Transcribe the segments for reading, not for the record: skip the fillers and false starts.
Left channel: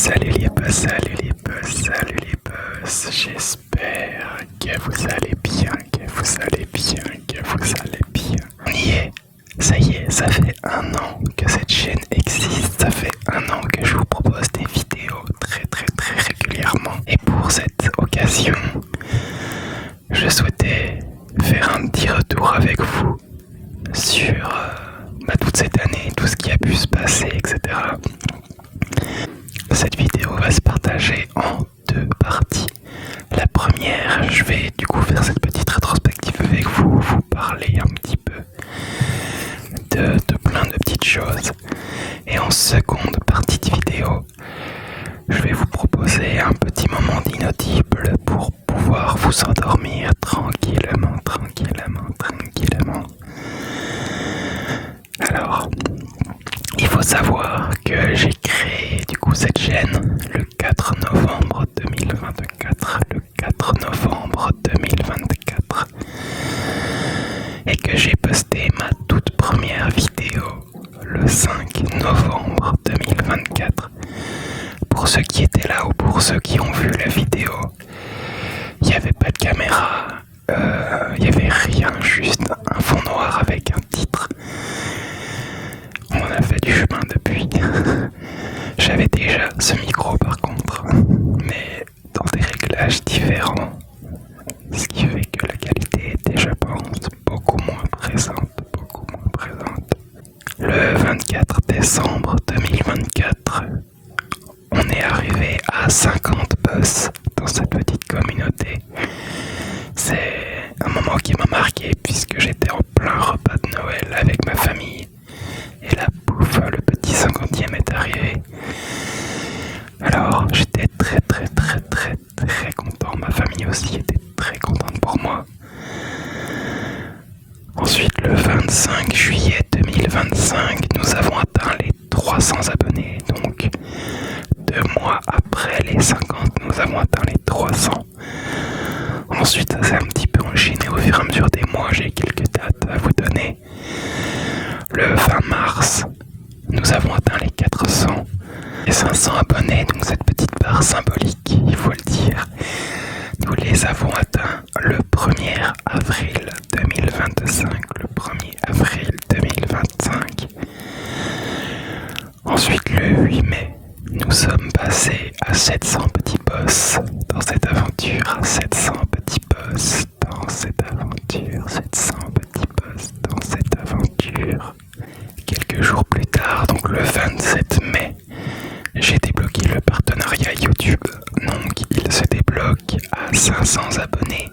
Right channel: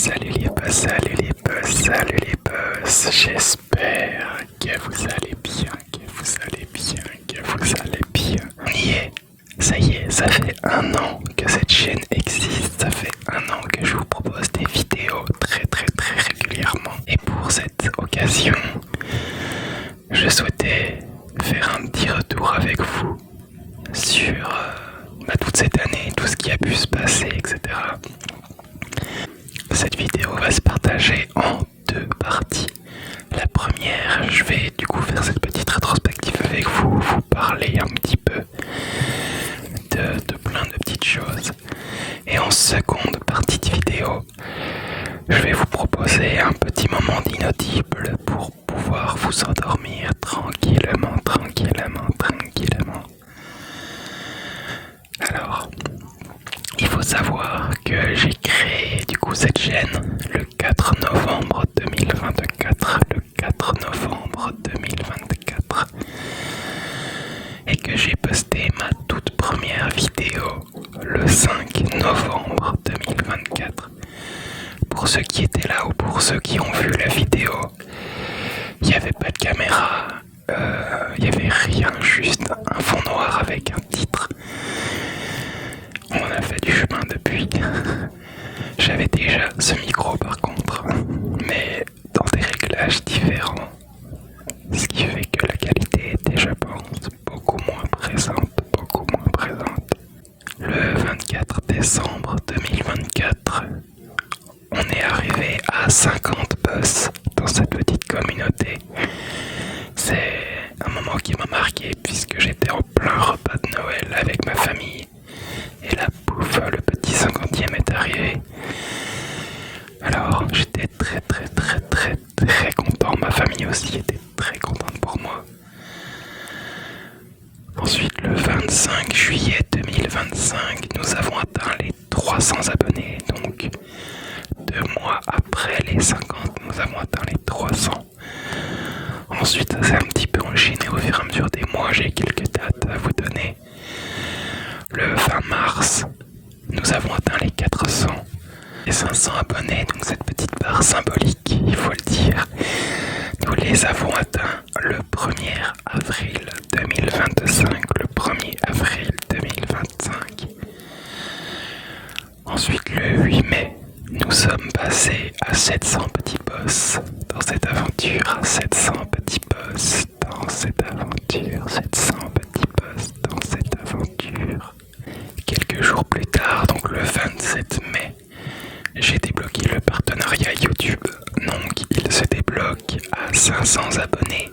salut les boss, j'espère que vous allez bien, On y est, ça y est, ça fait 1 an que cette chaîne existe, ça fait 1 an que je vous propose des vidéos très régulièrement. Et pour cette occasion, je souhaitais faire un petit retour avec vous sur toute cette année, tout ce qui a pu se passer, etc. Cette vidéo va se partager en 2 parties. La première, je vais du coup faire cette petite rétrospective avec vous, vous parler un petit peu de plein de petites choses. Et en seconde partie de vidéo, je vais vous proposer un petit moment d'inaudible pour pouvoir vous endormir tranquillement. Alors, il faut savoir que j'ai créé du coup cette chaîne le 4 novembre 2024. Et que j'ai posté ma toute première vidéo le 5 novembre 2024. Pour ceux qui étaient là ou pour ceux qui ont vu la vidéo, il n'y avait pas de caméra, il n'y avait rien, juste un fond noir avec un titre. On a fait du chemin depuis. J'avais déjà ce micro par contre, mais dans des réglages différents, ce qui fait que la qualité était, je pense, beaucoup moins présente. Le 24 décembre 2024, on est arrivé à 50 boss dans cette petite communauté. C'est un moment qui m'a marqué puisque j'étais en plein repas de Noël avec ma famille. Et là, pouf, le petit 50e est arrivé. Alors, j'étais très content. Ma famille aussi était très contente pour moi. Ensuite, le 25 juillet 2025, nous avons atteint les 300 abonnés. Donc, 2 mois après les 50, nous avons atteint les 300. Ensuite, ça s'est un petit peu enchaîné au fur et à mesure des mois. J'ai quelques dates à vous donner. Le 20 mars, nous avons atteint les 400 et 500 abonnés, donc cette petite barre symbolique, il faut le dire, nous les avons atteints le 1er avril 2025. Ensuite, le 8 mai, nous sommes passés à 700 petits boss dans cette aventure, 700 petits boss dans cette aventure. Quelques jours plus tard, donc le 27 mai, j'ai débloqué le partenariat YouTube. Donc il se débloque à 500 abonnés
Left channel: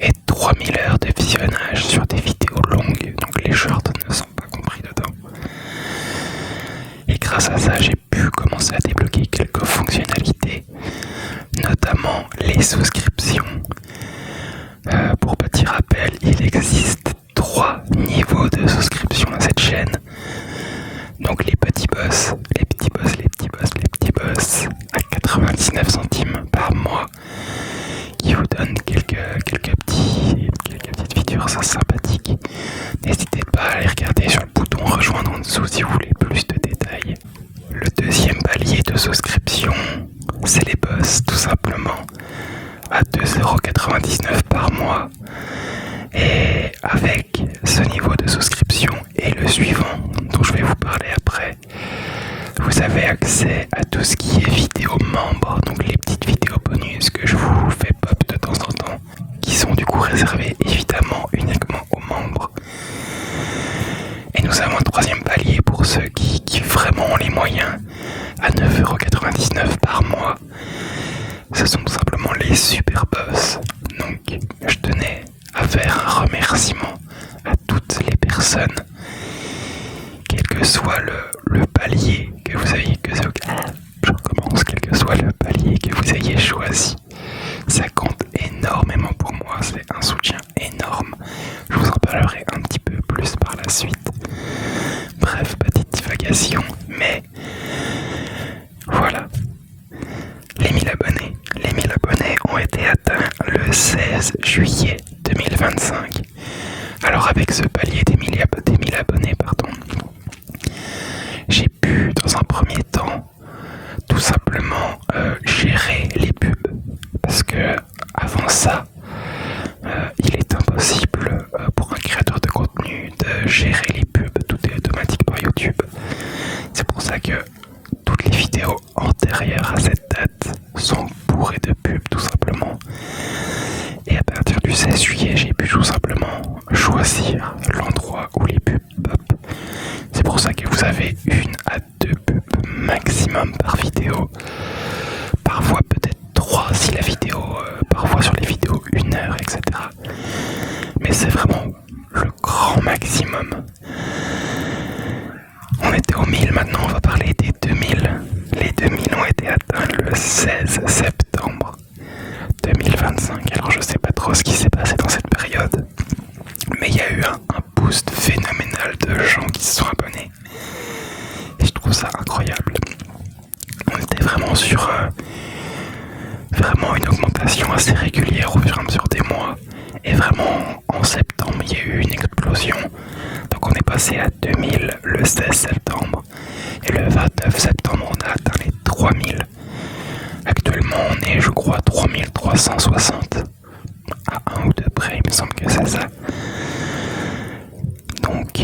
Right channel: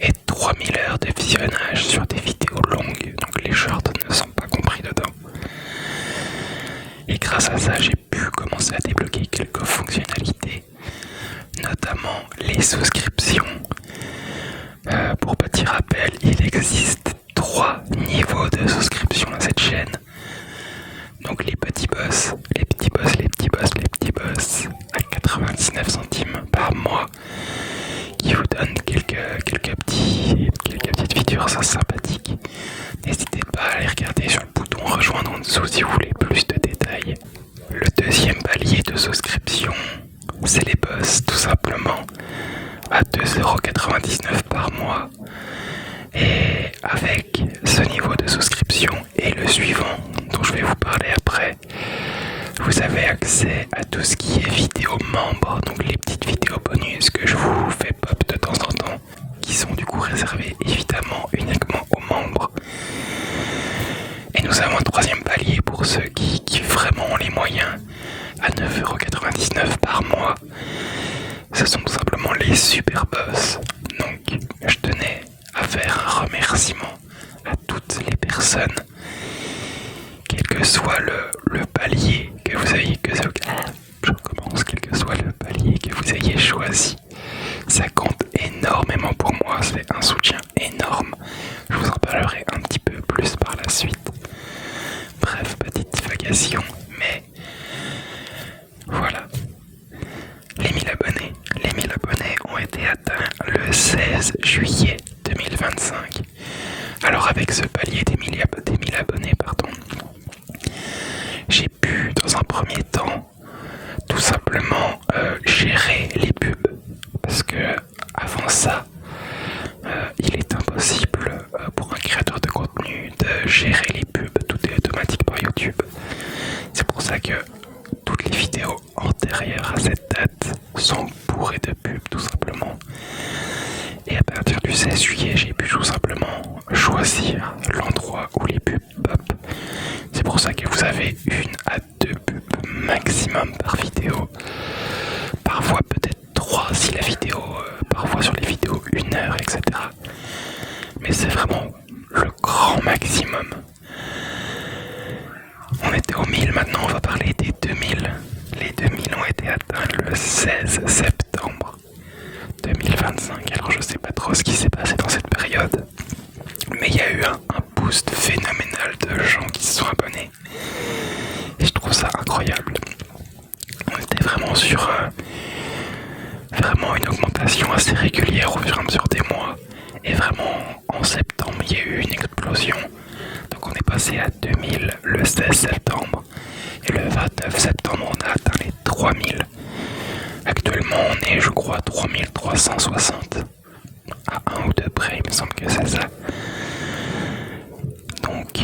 et 3000 heures de visionnage sur des vidéos longues. Donc les shorts ne sont pas compris dedans. Et grâce à ça, j'ai pu commencer à débloquer quelques fonctionnalités, notamment les souscriptions. Pour petit rappel, il existe 3 niveaux de souscription à cette chaîne. Donc les petits boss à 99 centimes par mois, qui vous donnent quelques petites features sympathiques. N'hésitez pas à aller regarder sur le bouton rejoindre en dessous si vous voulez plus de détails. Le deuxième palier de souscription, c'est les boss, tout simplement, à 2,99€ par mois. Et avec ce niveau de souscription et le suivant, dont je vais vous parler après, vous avez accès à tout ce qui est vidéos membres, donc les petites vidéos bonus que je vous fais pop de temps en temps, qui sont du coup réservées évidemment uniquement aux membres. Et nous avons un 3e palier pour ceux qui vraiment ont les moyens, à 9,99€ par mois. Ce sont tout simplement les super boss. Donc je tenais à faire un remerciement à toutes les personnes, quel que soit le palier que vous ayez, quel que soit le palier que vous ayez choisi. Ça compte énormément pour moi, c'est un soutien énorme. Je vous en parlerai un petit peu plus par la suite. Bref, petite divagation, mais voilà. Les 1000 abonnés ont été atteints le 16 juillet 2025. Alors avec ce palier des 1000 abonnés, j'ai pu dans un premier vidéos antérieures à cette date sont bourrées de pubs tout simplement. Et à partir du 16 juillet, j'ai pu tout simplement choisir l'endroit où les pubs pop. C'est pour ça que vous avez 1 à 2 pubs maximum par vidéo. Parfois peut-être 3 si la vidéo, parfois sur les vidéos 1 heure, etc. Mais c'est vraiment le grand maximum. On était au 1000, maintenant on va parler des 2000. Les 2000 ont été atteints le 16 septembre 2025. Alors je sais pas trop ce qui s'est passé dans cette période, mais il y a eu un boost phénoménal de gens qui se sont abonnés. Et je trouve ça incroyable. On était vraiment sur vraiment une augmentation assez régulière au fur et à mesure des mois. Et vraiment en septembre il y a eu une explosion. Donc on est passé à 2000 le 16 septembre. Et le 29 septembre on a atteint les 3000. Actuellement on est je crois 3360. À 1 ou 2 près, il me semble que c'est ça. Donc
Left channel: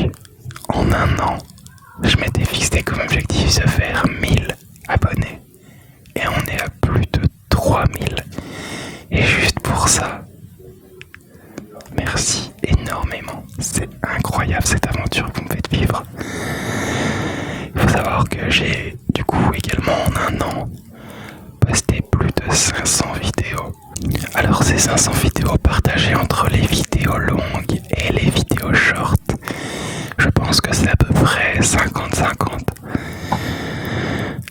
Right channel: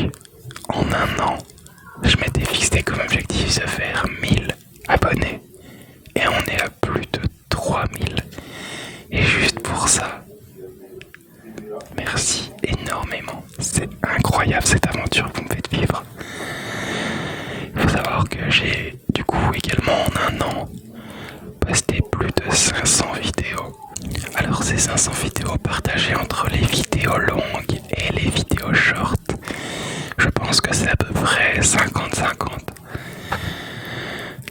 en un an, je m'étais fixé comme objectif de faire 1000 abonnés. Et on est à plus de 3000. Et juste pour ça, merci énormément. C'est incroyable cette aventure que vous me faites vivre. Il faut savoir que j'ai du coup également en un an posté plus de 500 vidéos. Alors ces 500 vidéos partagées entre les vidéos longues et les vidéos short, je pense que c'est à peu près 50-50.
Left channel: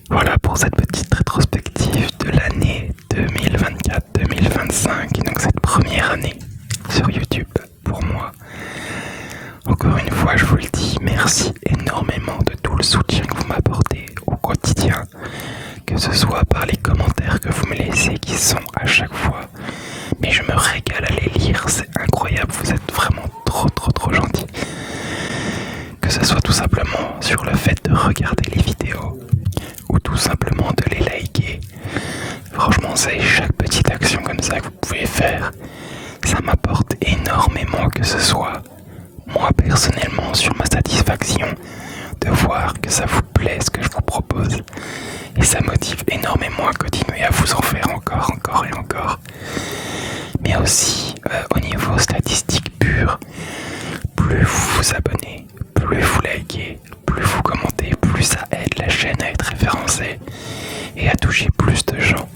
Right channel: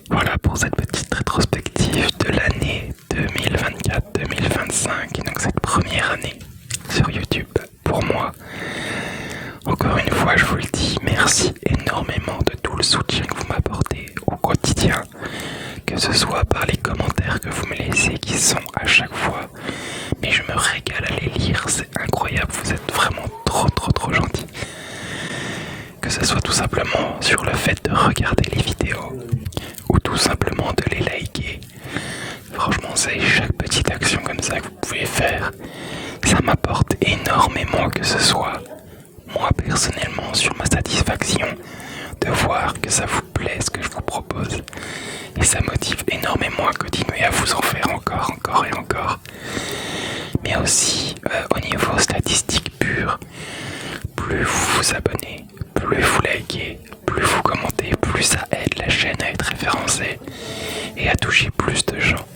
Voilà pour cette petite rétrospective de l'année 2024-2025, donc cette première année sur YouTube pour moi. Encore une fois, je vous le dis, merci énormément de tout le soutien que vous m'apportez au quotidien, que ce soit par les commentaires que vous me laissez qui sont à chaque fois, mais je me régale à les lire, c'est incroyable, vous êtes vraiment trop gentils. Que ce soit tout simplement sur le fait de regarder les vidéos ou tout simplement de les liker. Franchement, c'est chaque petite action comme ça que vous pouvez faire, ça m'apporte énormément, que ce soit moi personnellement sur ma satisfaction de voir que ça vous plaît ce que je vous propose, et ça motive énormément à continuer à vous en faire encore et encore. Mais aussi au niveau statistique pur, plus vous vous abonnez, plus vous likez, plus vous commentez, plus ça aide la chaîne à être référencée et à toucher plus de gens.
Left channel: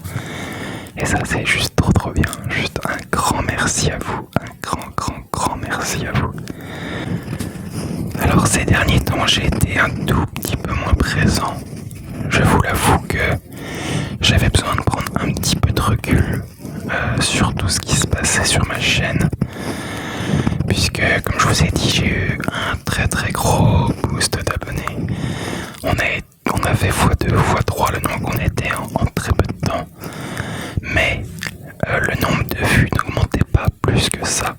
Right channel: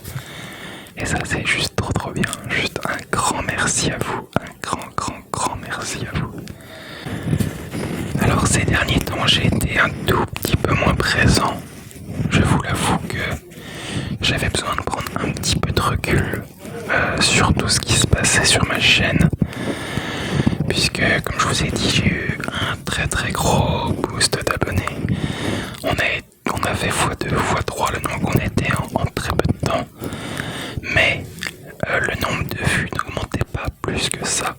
Et ça c'est juste trop bien. Juste un grand merci à vous, un grand merci à vous. Alors ces derniers temps j'ai été un tout petit peu moins présent. Je vous l'avoue que j'avais besoin de prendre un petit peu de recul sur tout ce qui se passait sur ma chaîne. Puisque comme je vous ai dit, j'ai eu un très gros boost d'abonnés. On avait x2, x3 le nombre qu'on était en très peu de temps. Mais le nombre de vues n'augmentait pas plus que ça.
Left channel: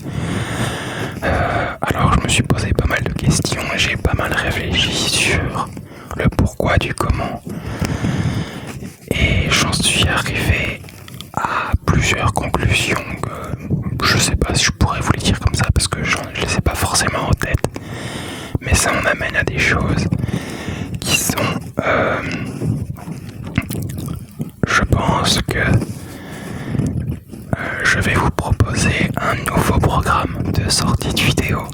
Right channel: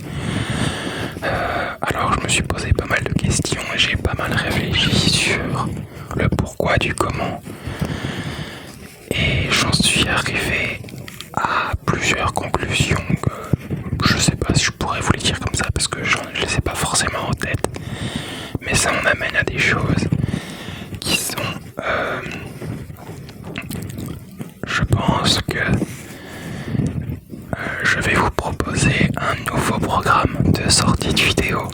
Alors je me suis posé pas mal de questions et j'ai pas mal réfléchi sur le pourquoi du comment. Et j'en suis arrivé à plusieurs conclusions que je sais pas si je pourrais vous les dire comme ça parce que je les ai pas forcément en tête. Mais ça en amène à des choses qui sont... je pense que je vais vous proposer un nouveau programme de sortie de vidéo.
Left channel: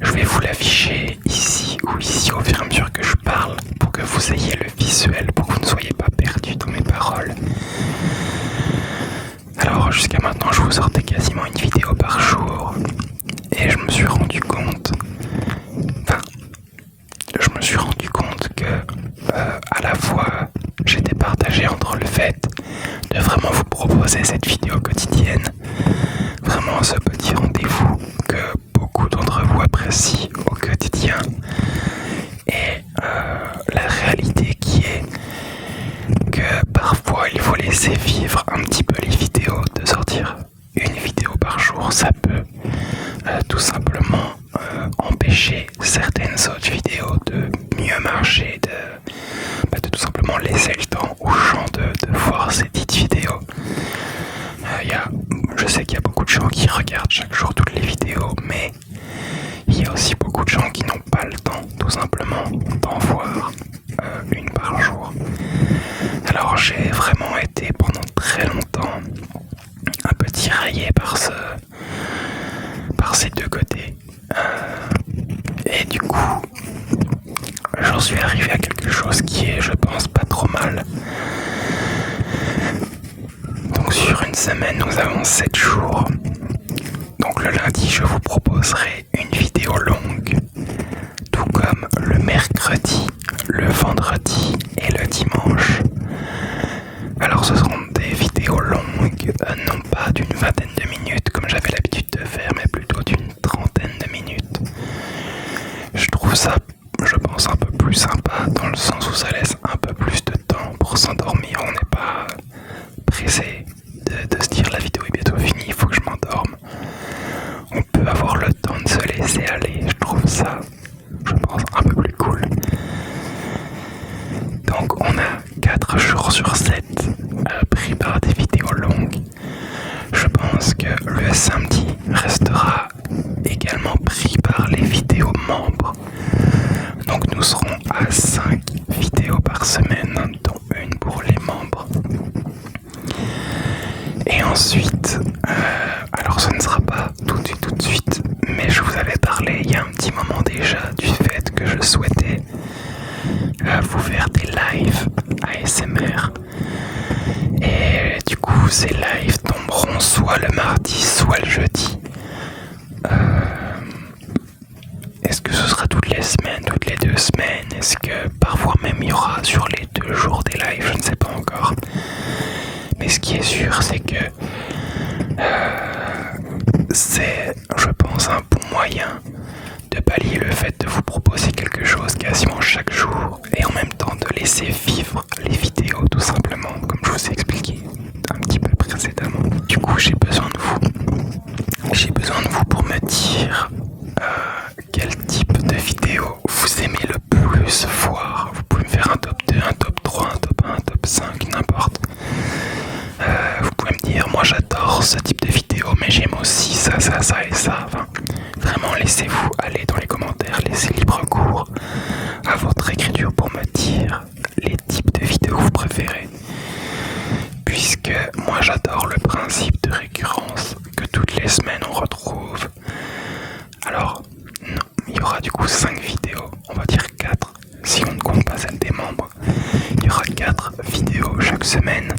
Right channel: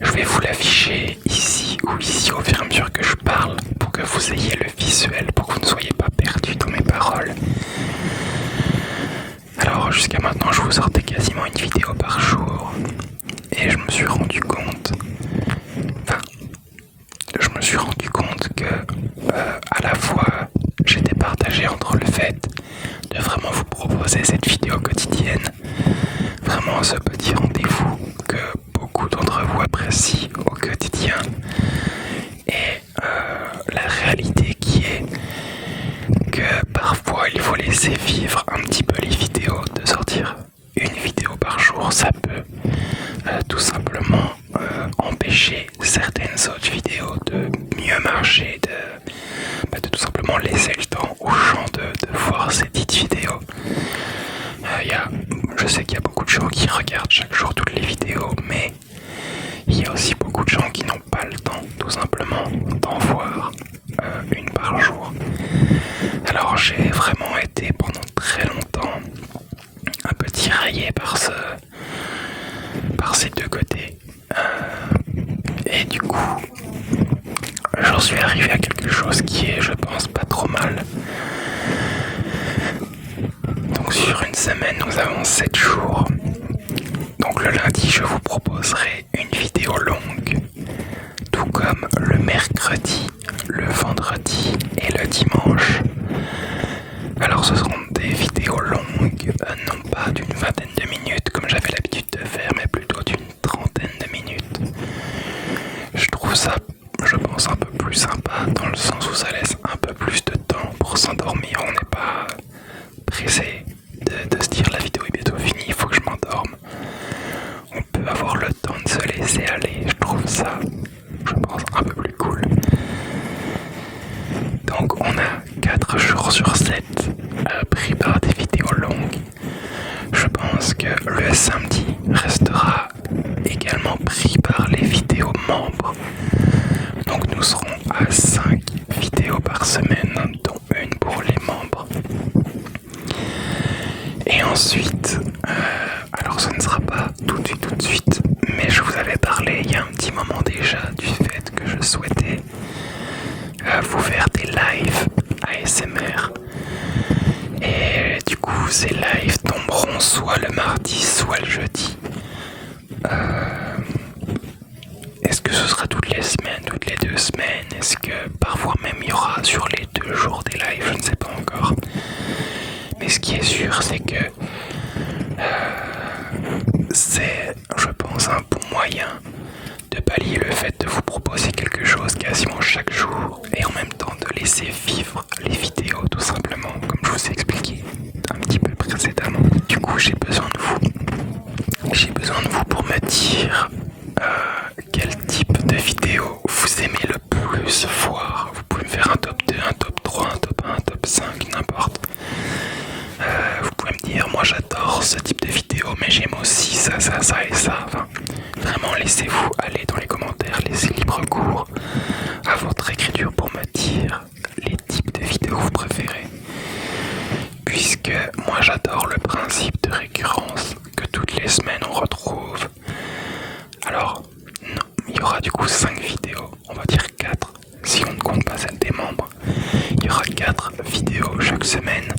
Je vais vous l'afficher ici ou ici au fur et à mesure que je parle pour que vous ayez le visuel, pour que vous ne soyez pas perdu dans mes paroles. Alors jusqu'à maintenant je vous sortais quasiment une vidéo par jour et je me suis rendu compte que à la fois j'étais partagé entre le fait de vraiment vous proposer cette vidéo quotidienne, vraiment ce petit rendez-vous que beaucoup d'entre vous apprécient au quotidien, et la réalité qui est que parfois il faut laisser vivre un petit peu les vidéos, de sortir une vidéo par jour, ça peut tout simplement empêcher certaines autres vidéos de mieux marcher, de tout simplement laisser le temps aux gens de voir ces petites vidéos. Je sais qu'il y a beaucoup de gens qui regardent chaque jour toutes les vidéos, mais il y a aussi beaucoup de gens qui n'ont pas le temps tout simplement d'en voir une par jour. j'ai vraiment été pendant très longtemps un peu tiraillé par ces deux côtés. Et du coup, j'en suis arrivé à quelque chose qui est, je pense, pas trop mal. Donc sur une semaine, nous avons 7 jours. Donc le lundi, je vous proposerai une vidéo longue, tout comme le mercredi, le vendredi et le dimanche. Alors ce seront des vidéos longues, non pas d'une vingtaine de minutes comme j'avais l'habitude de faire, mais plutôt d'une trentaine de minutes. Je trouve ça, je pense, un peu plus sympa dans le sens où ça laisse un peu plus de temps pour s'endormir. On n'est pas pressé de se dire la vidéo est bientôt finie, il faut que je m'endorme. On peut avoir le temps de se laisser aller, je trouve ça, je pense, un peu plus cool. Donc on a 4 jours sur 7 pris par des vidéos longues. Je pense que le samedi restera également pris par les vidéos membres. Donc nous serons à 5 vidéos par semaine, dont une pour les membres. Et ensuite, alors ce ne sera pas tout de suite, mais je vous avais parlé il y a un petit moment déjà du fait que je souhaitais vous faire des lives ASMR. Et du coup, ces lives tomberont soit le mardi, soit le jeudi. Est-ce que ce sera toutes les semaines, toutes les 2 semaines? Est-ce que parfois même il y aura sur les 2 jours des lives? Je ne sais pas encore. Mais ce qui est sûr, c'est que c'est, je pense, un bon moyen de pallier le fait de vous proposer quelque chose quasiment chaque jour et en même temps de laisser vivre les vidéos tout simplement, comme je vous ai expliqué un petit peu précédemment. Du coup, j'ai besoin de vous. J'ai besoin de vous pour me dire quel type de vidéo vous aimez le plus voir. Vous pouvez me faire un top 2, un top 3, un top 1, un top 5, n'importe. Vous pouvez me dire, moi j'adore ce type de vidéo, mais j'aime aussi ça, ça, ça et ça. Enfin, vraiment, laissez-vous aller dans les commentaires, laissez libre cours à votre écriture pour me dire les types de vidéos que vous préférez. Puisque moi j'adore le principe de récurrence, que toutes les semaines on retrouve. Alors, non, il y aura du coup 5 vidéos, on va dire 4, si on ne compte pas celle des membres. Il y aura 4 vidéos chaque semaine.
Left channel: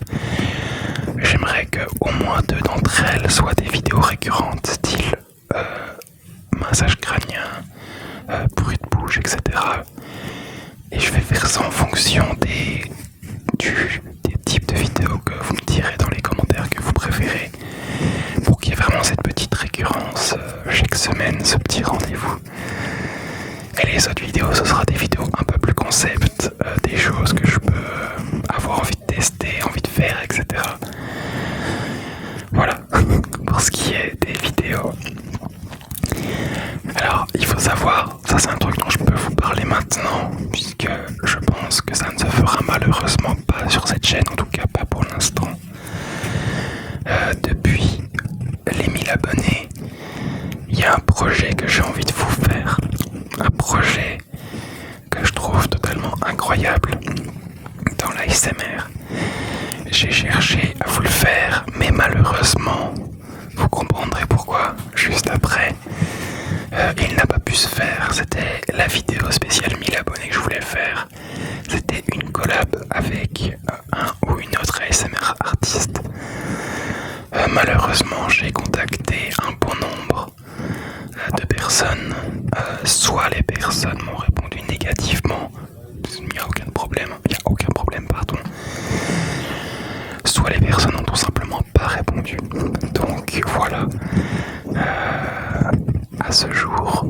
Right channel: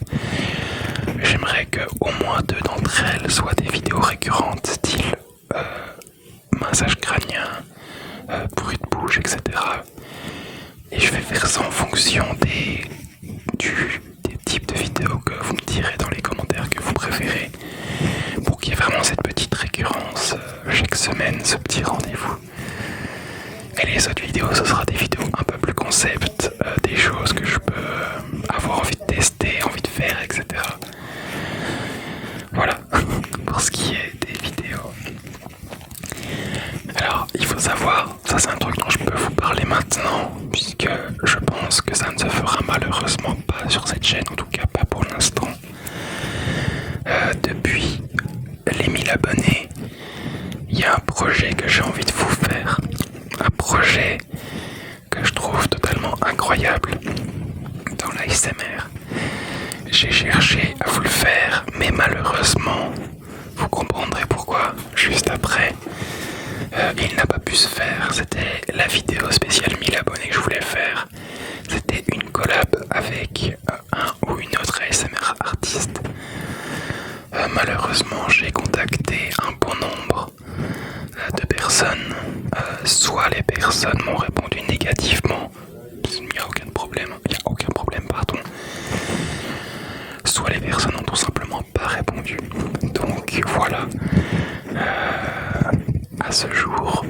J'aimerais que au moins 2 d'entre elles soient des vidéos récurrentes, style massage crânien, bruit de bouche, etc. Et je vais faire ça en fonction des types de vidéos que vous me direz dans les commentaires que vous préférez, pour qu'il y ait vraiment cette petite récurrence chaque semaine, ce petit rendez-vous. Et les autres vidéos, ce sera des vidéos un peu plus concept, des choses que je peux avoir envie de tester, envie de faire, etc. Voilà, pour ce qui est des vidéos. Alors, il faut savoir, ça c'est un truc dont je peux vous parler maintenant, puisque je pense que ça ne se fera malheureusement pas sur cette chaîne, en tout cas pas pour l'instant. Depuis les 1000 abonnés, il y a un projet que j'ai envie de vous faire. Un projet que je trouve totalement incroyable dans l'ASMR. J'ai cherché à vous le faire, mais malheureusement, vous comprendrez pourquoi juste après. Il n'a pas pu se faire. C'était la vidéo spéciale 1000 abonnés que je voulais faire. C'était une collab avec un ou une autre ASMR artiste. Malheureusement, j'ai contacté un bon nombre de personnes. Soit les personnes m'ont répondu négativement, il n'y a aucun problème, pardon. Soit les personnes n'ont tout simplement pas répondu. Donc voilà. À ce jour,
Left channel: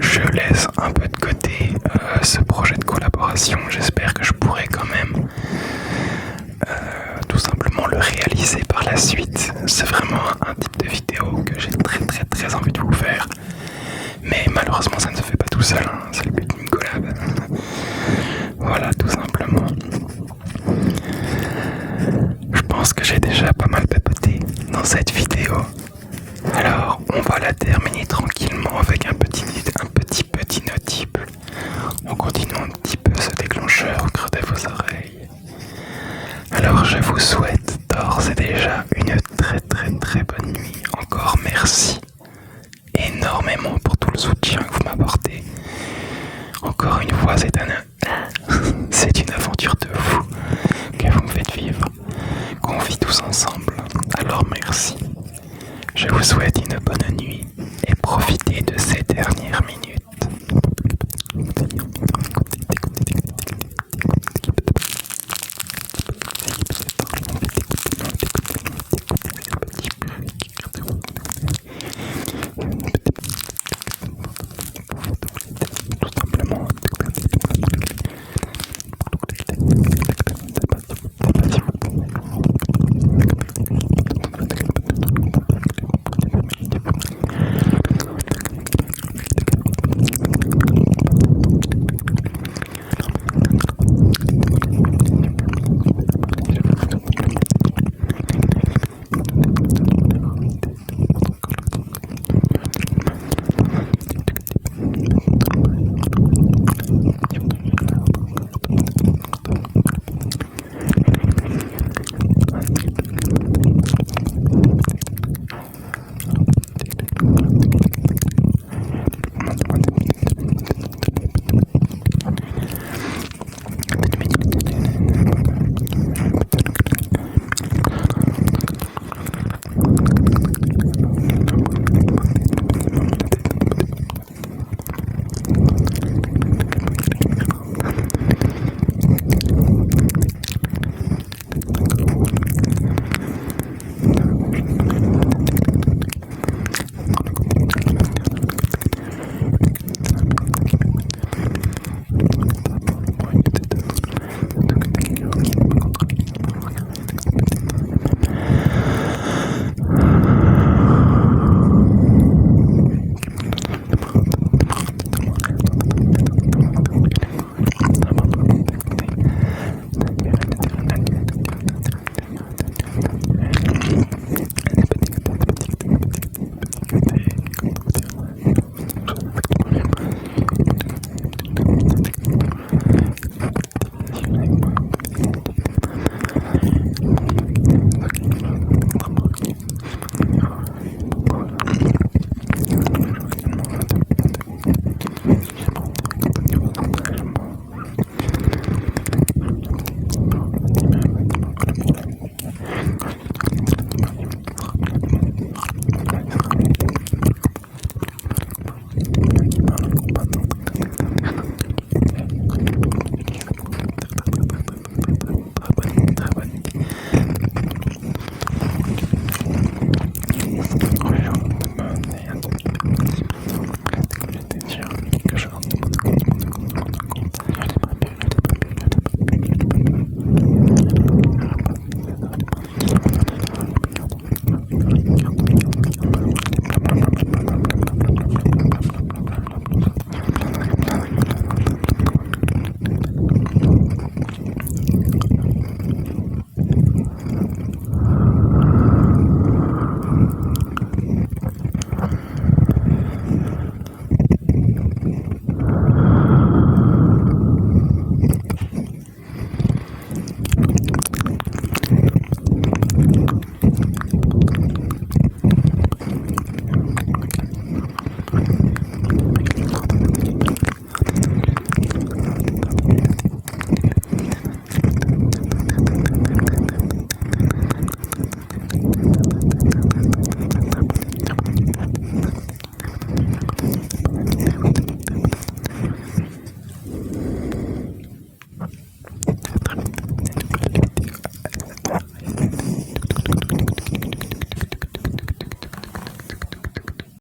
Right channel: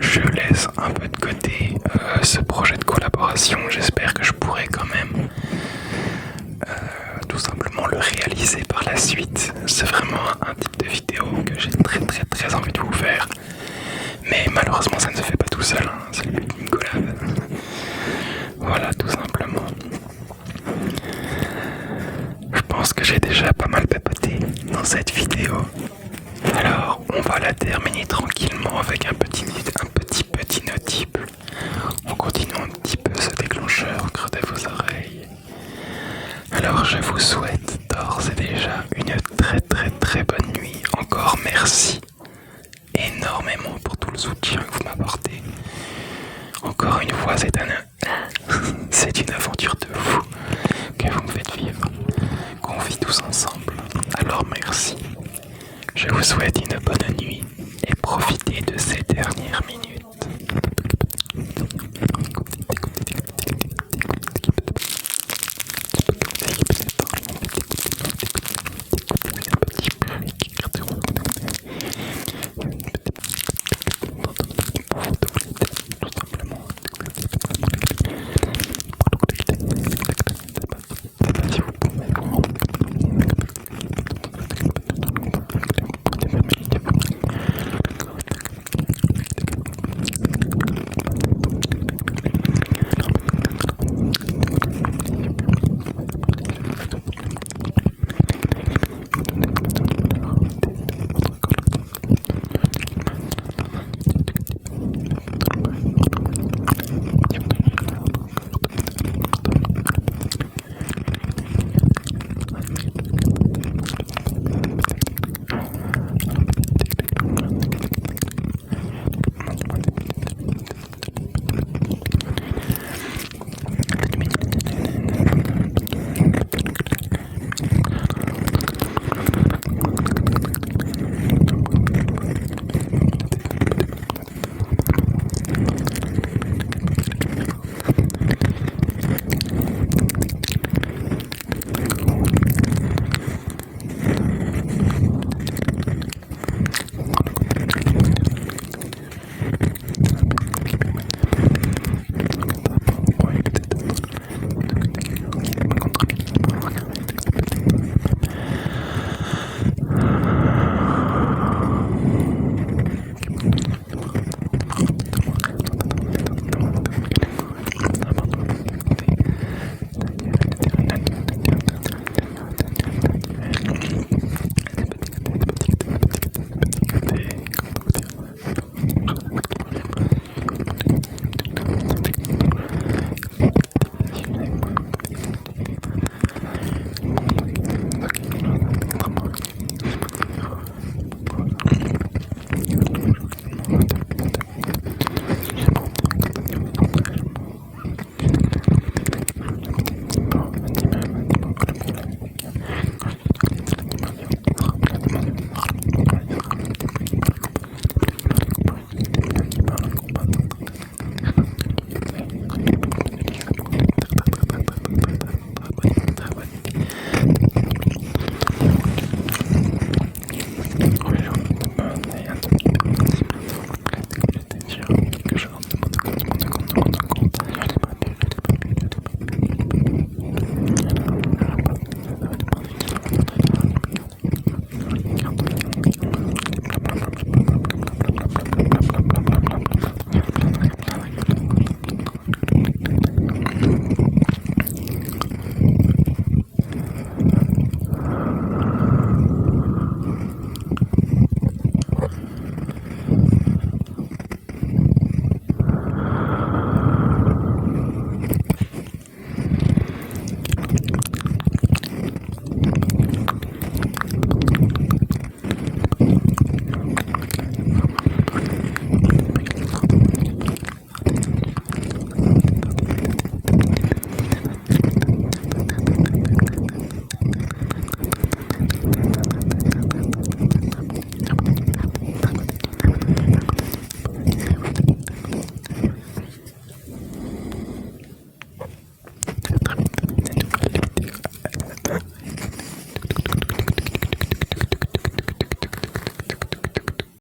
je laisse un peu de côté ce projet de collaboration. J'espère que je pourrai quand même tout simplement le réaliser par la suite. C'est vraiment un type de vidéo que j'ai très envie de vous faire. Mais malheureusement ça ne se fait pas tout seul, hein. C'est le but d'une collab. Voilà, tout simplement. Je pense que j'ai déjà pas mal papoté dans cette vidéo. Alors, on va la terminer tranquillement avec un petit inaudible. On continue un petit peu ce déclencheur au creux de vos oreilles. je vous souhaite d'ores et déjà une très très très bonne nuit. Encore merci énormément pour tout le soutien que vous m'apportez. Encore une fois, c'est une aventure de fou que vous me faites vivre, qu'on vit tous ensemble. Alors merci. Je vous souhaite une bonne nuit et profitez de ces dernières minutes.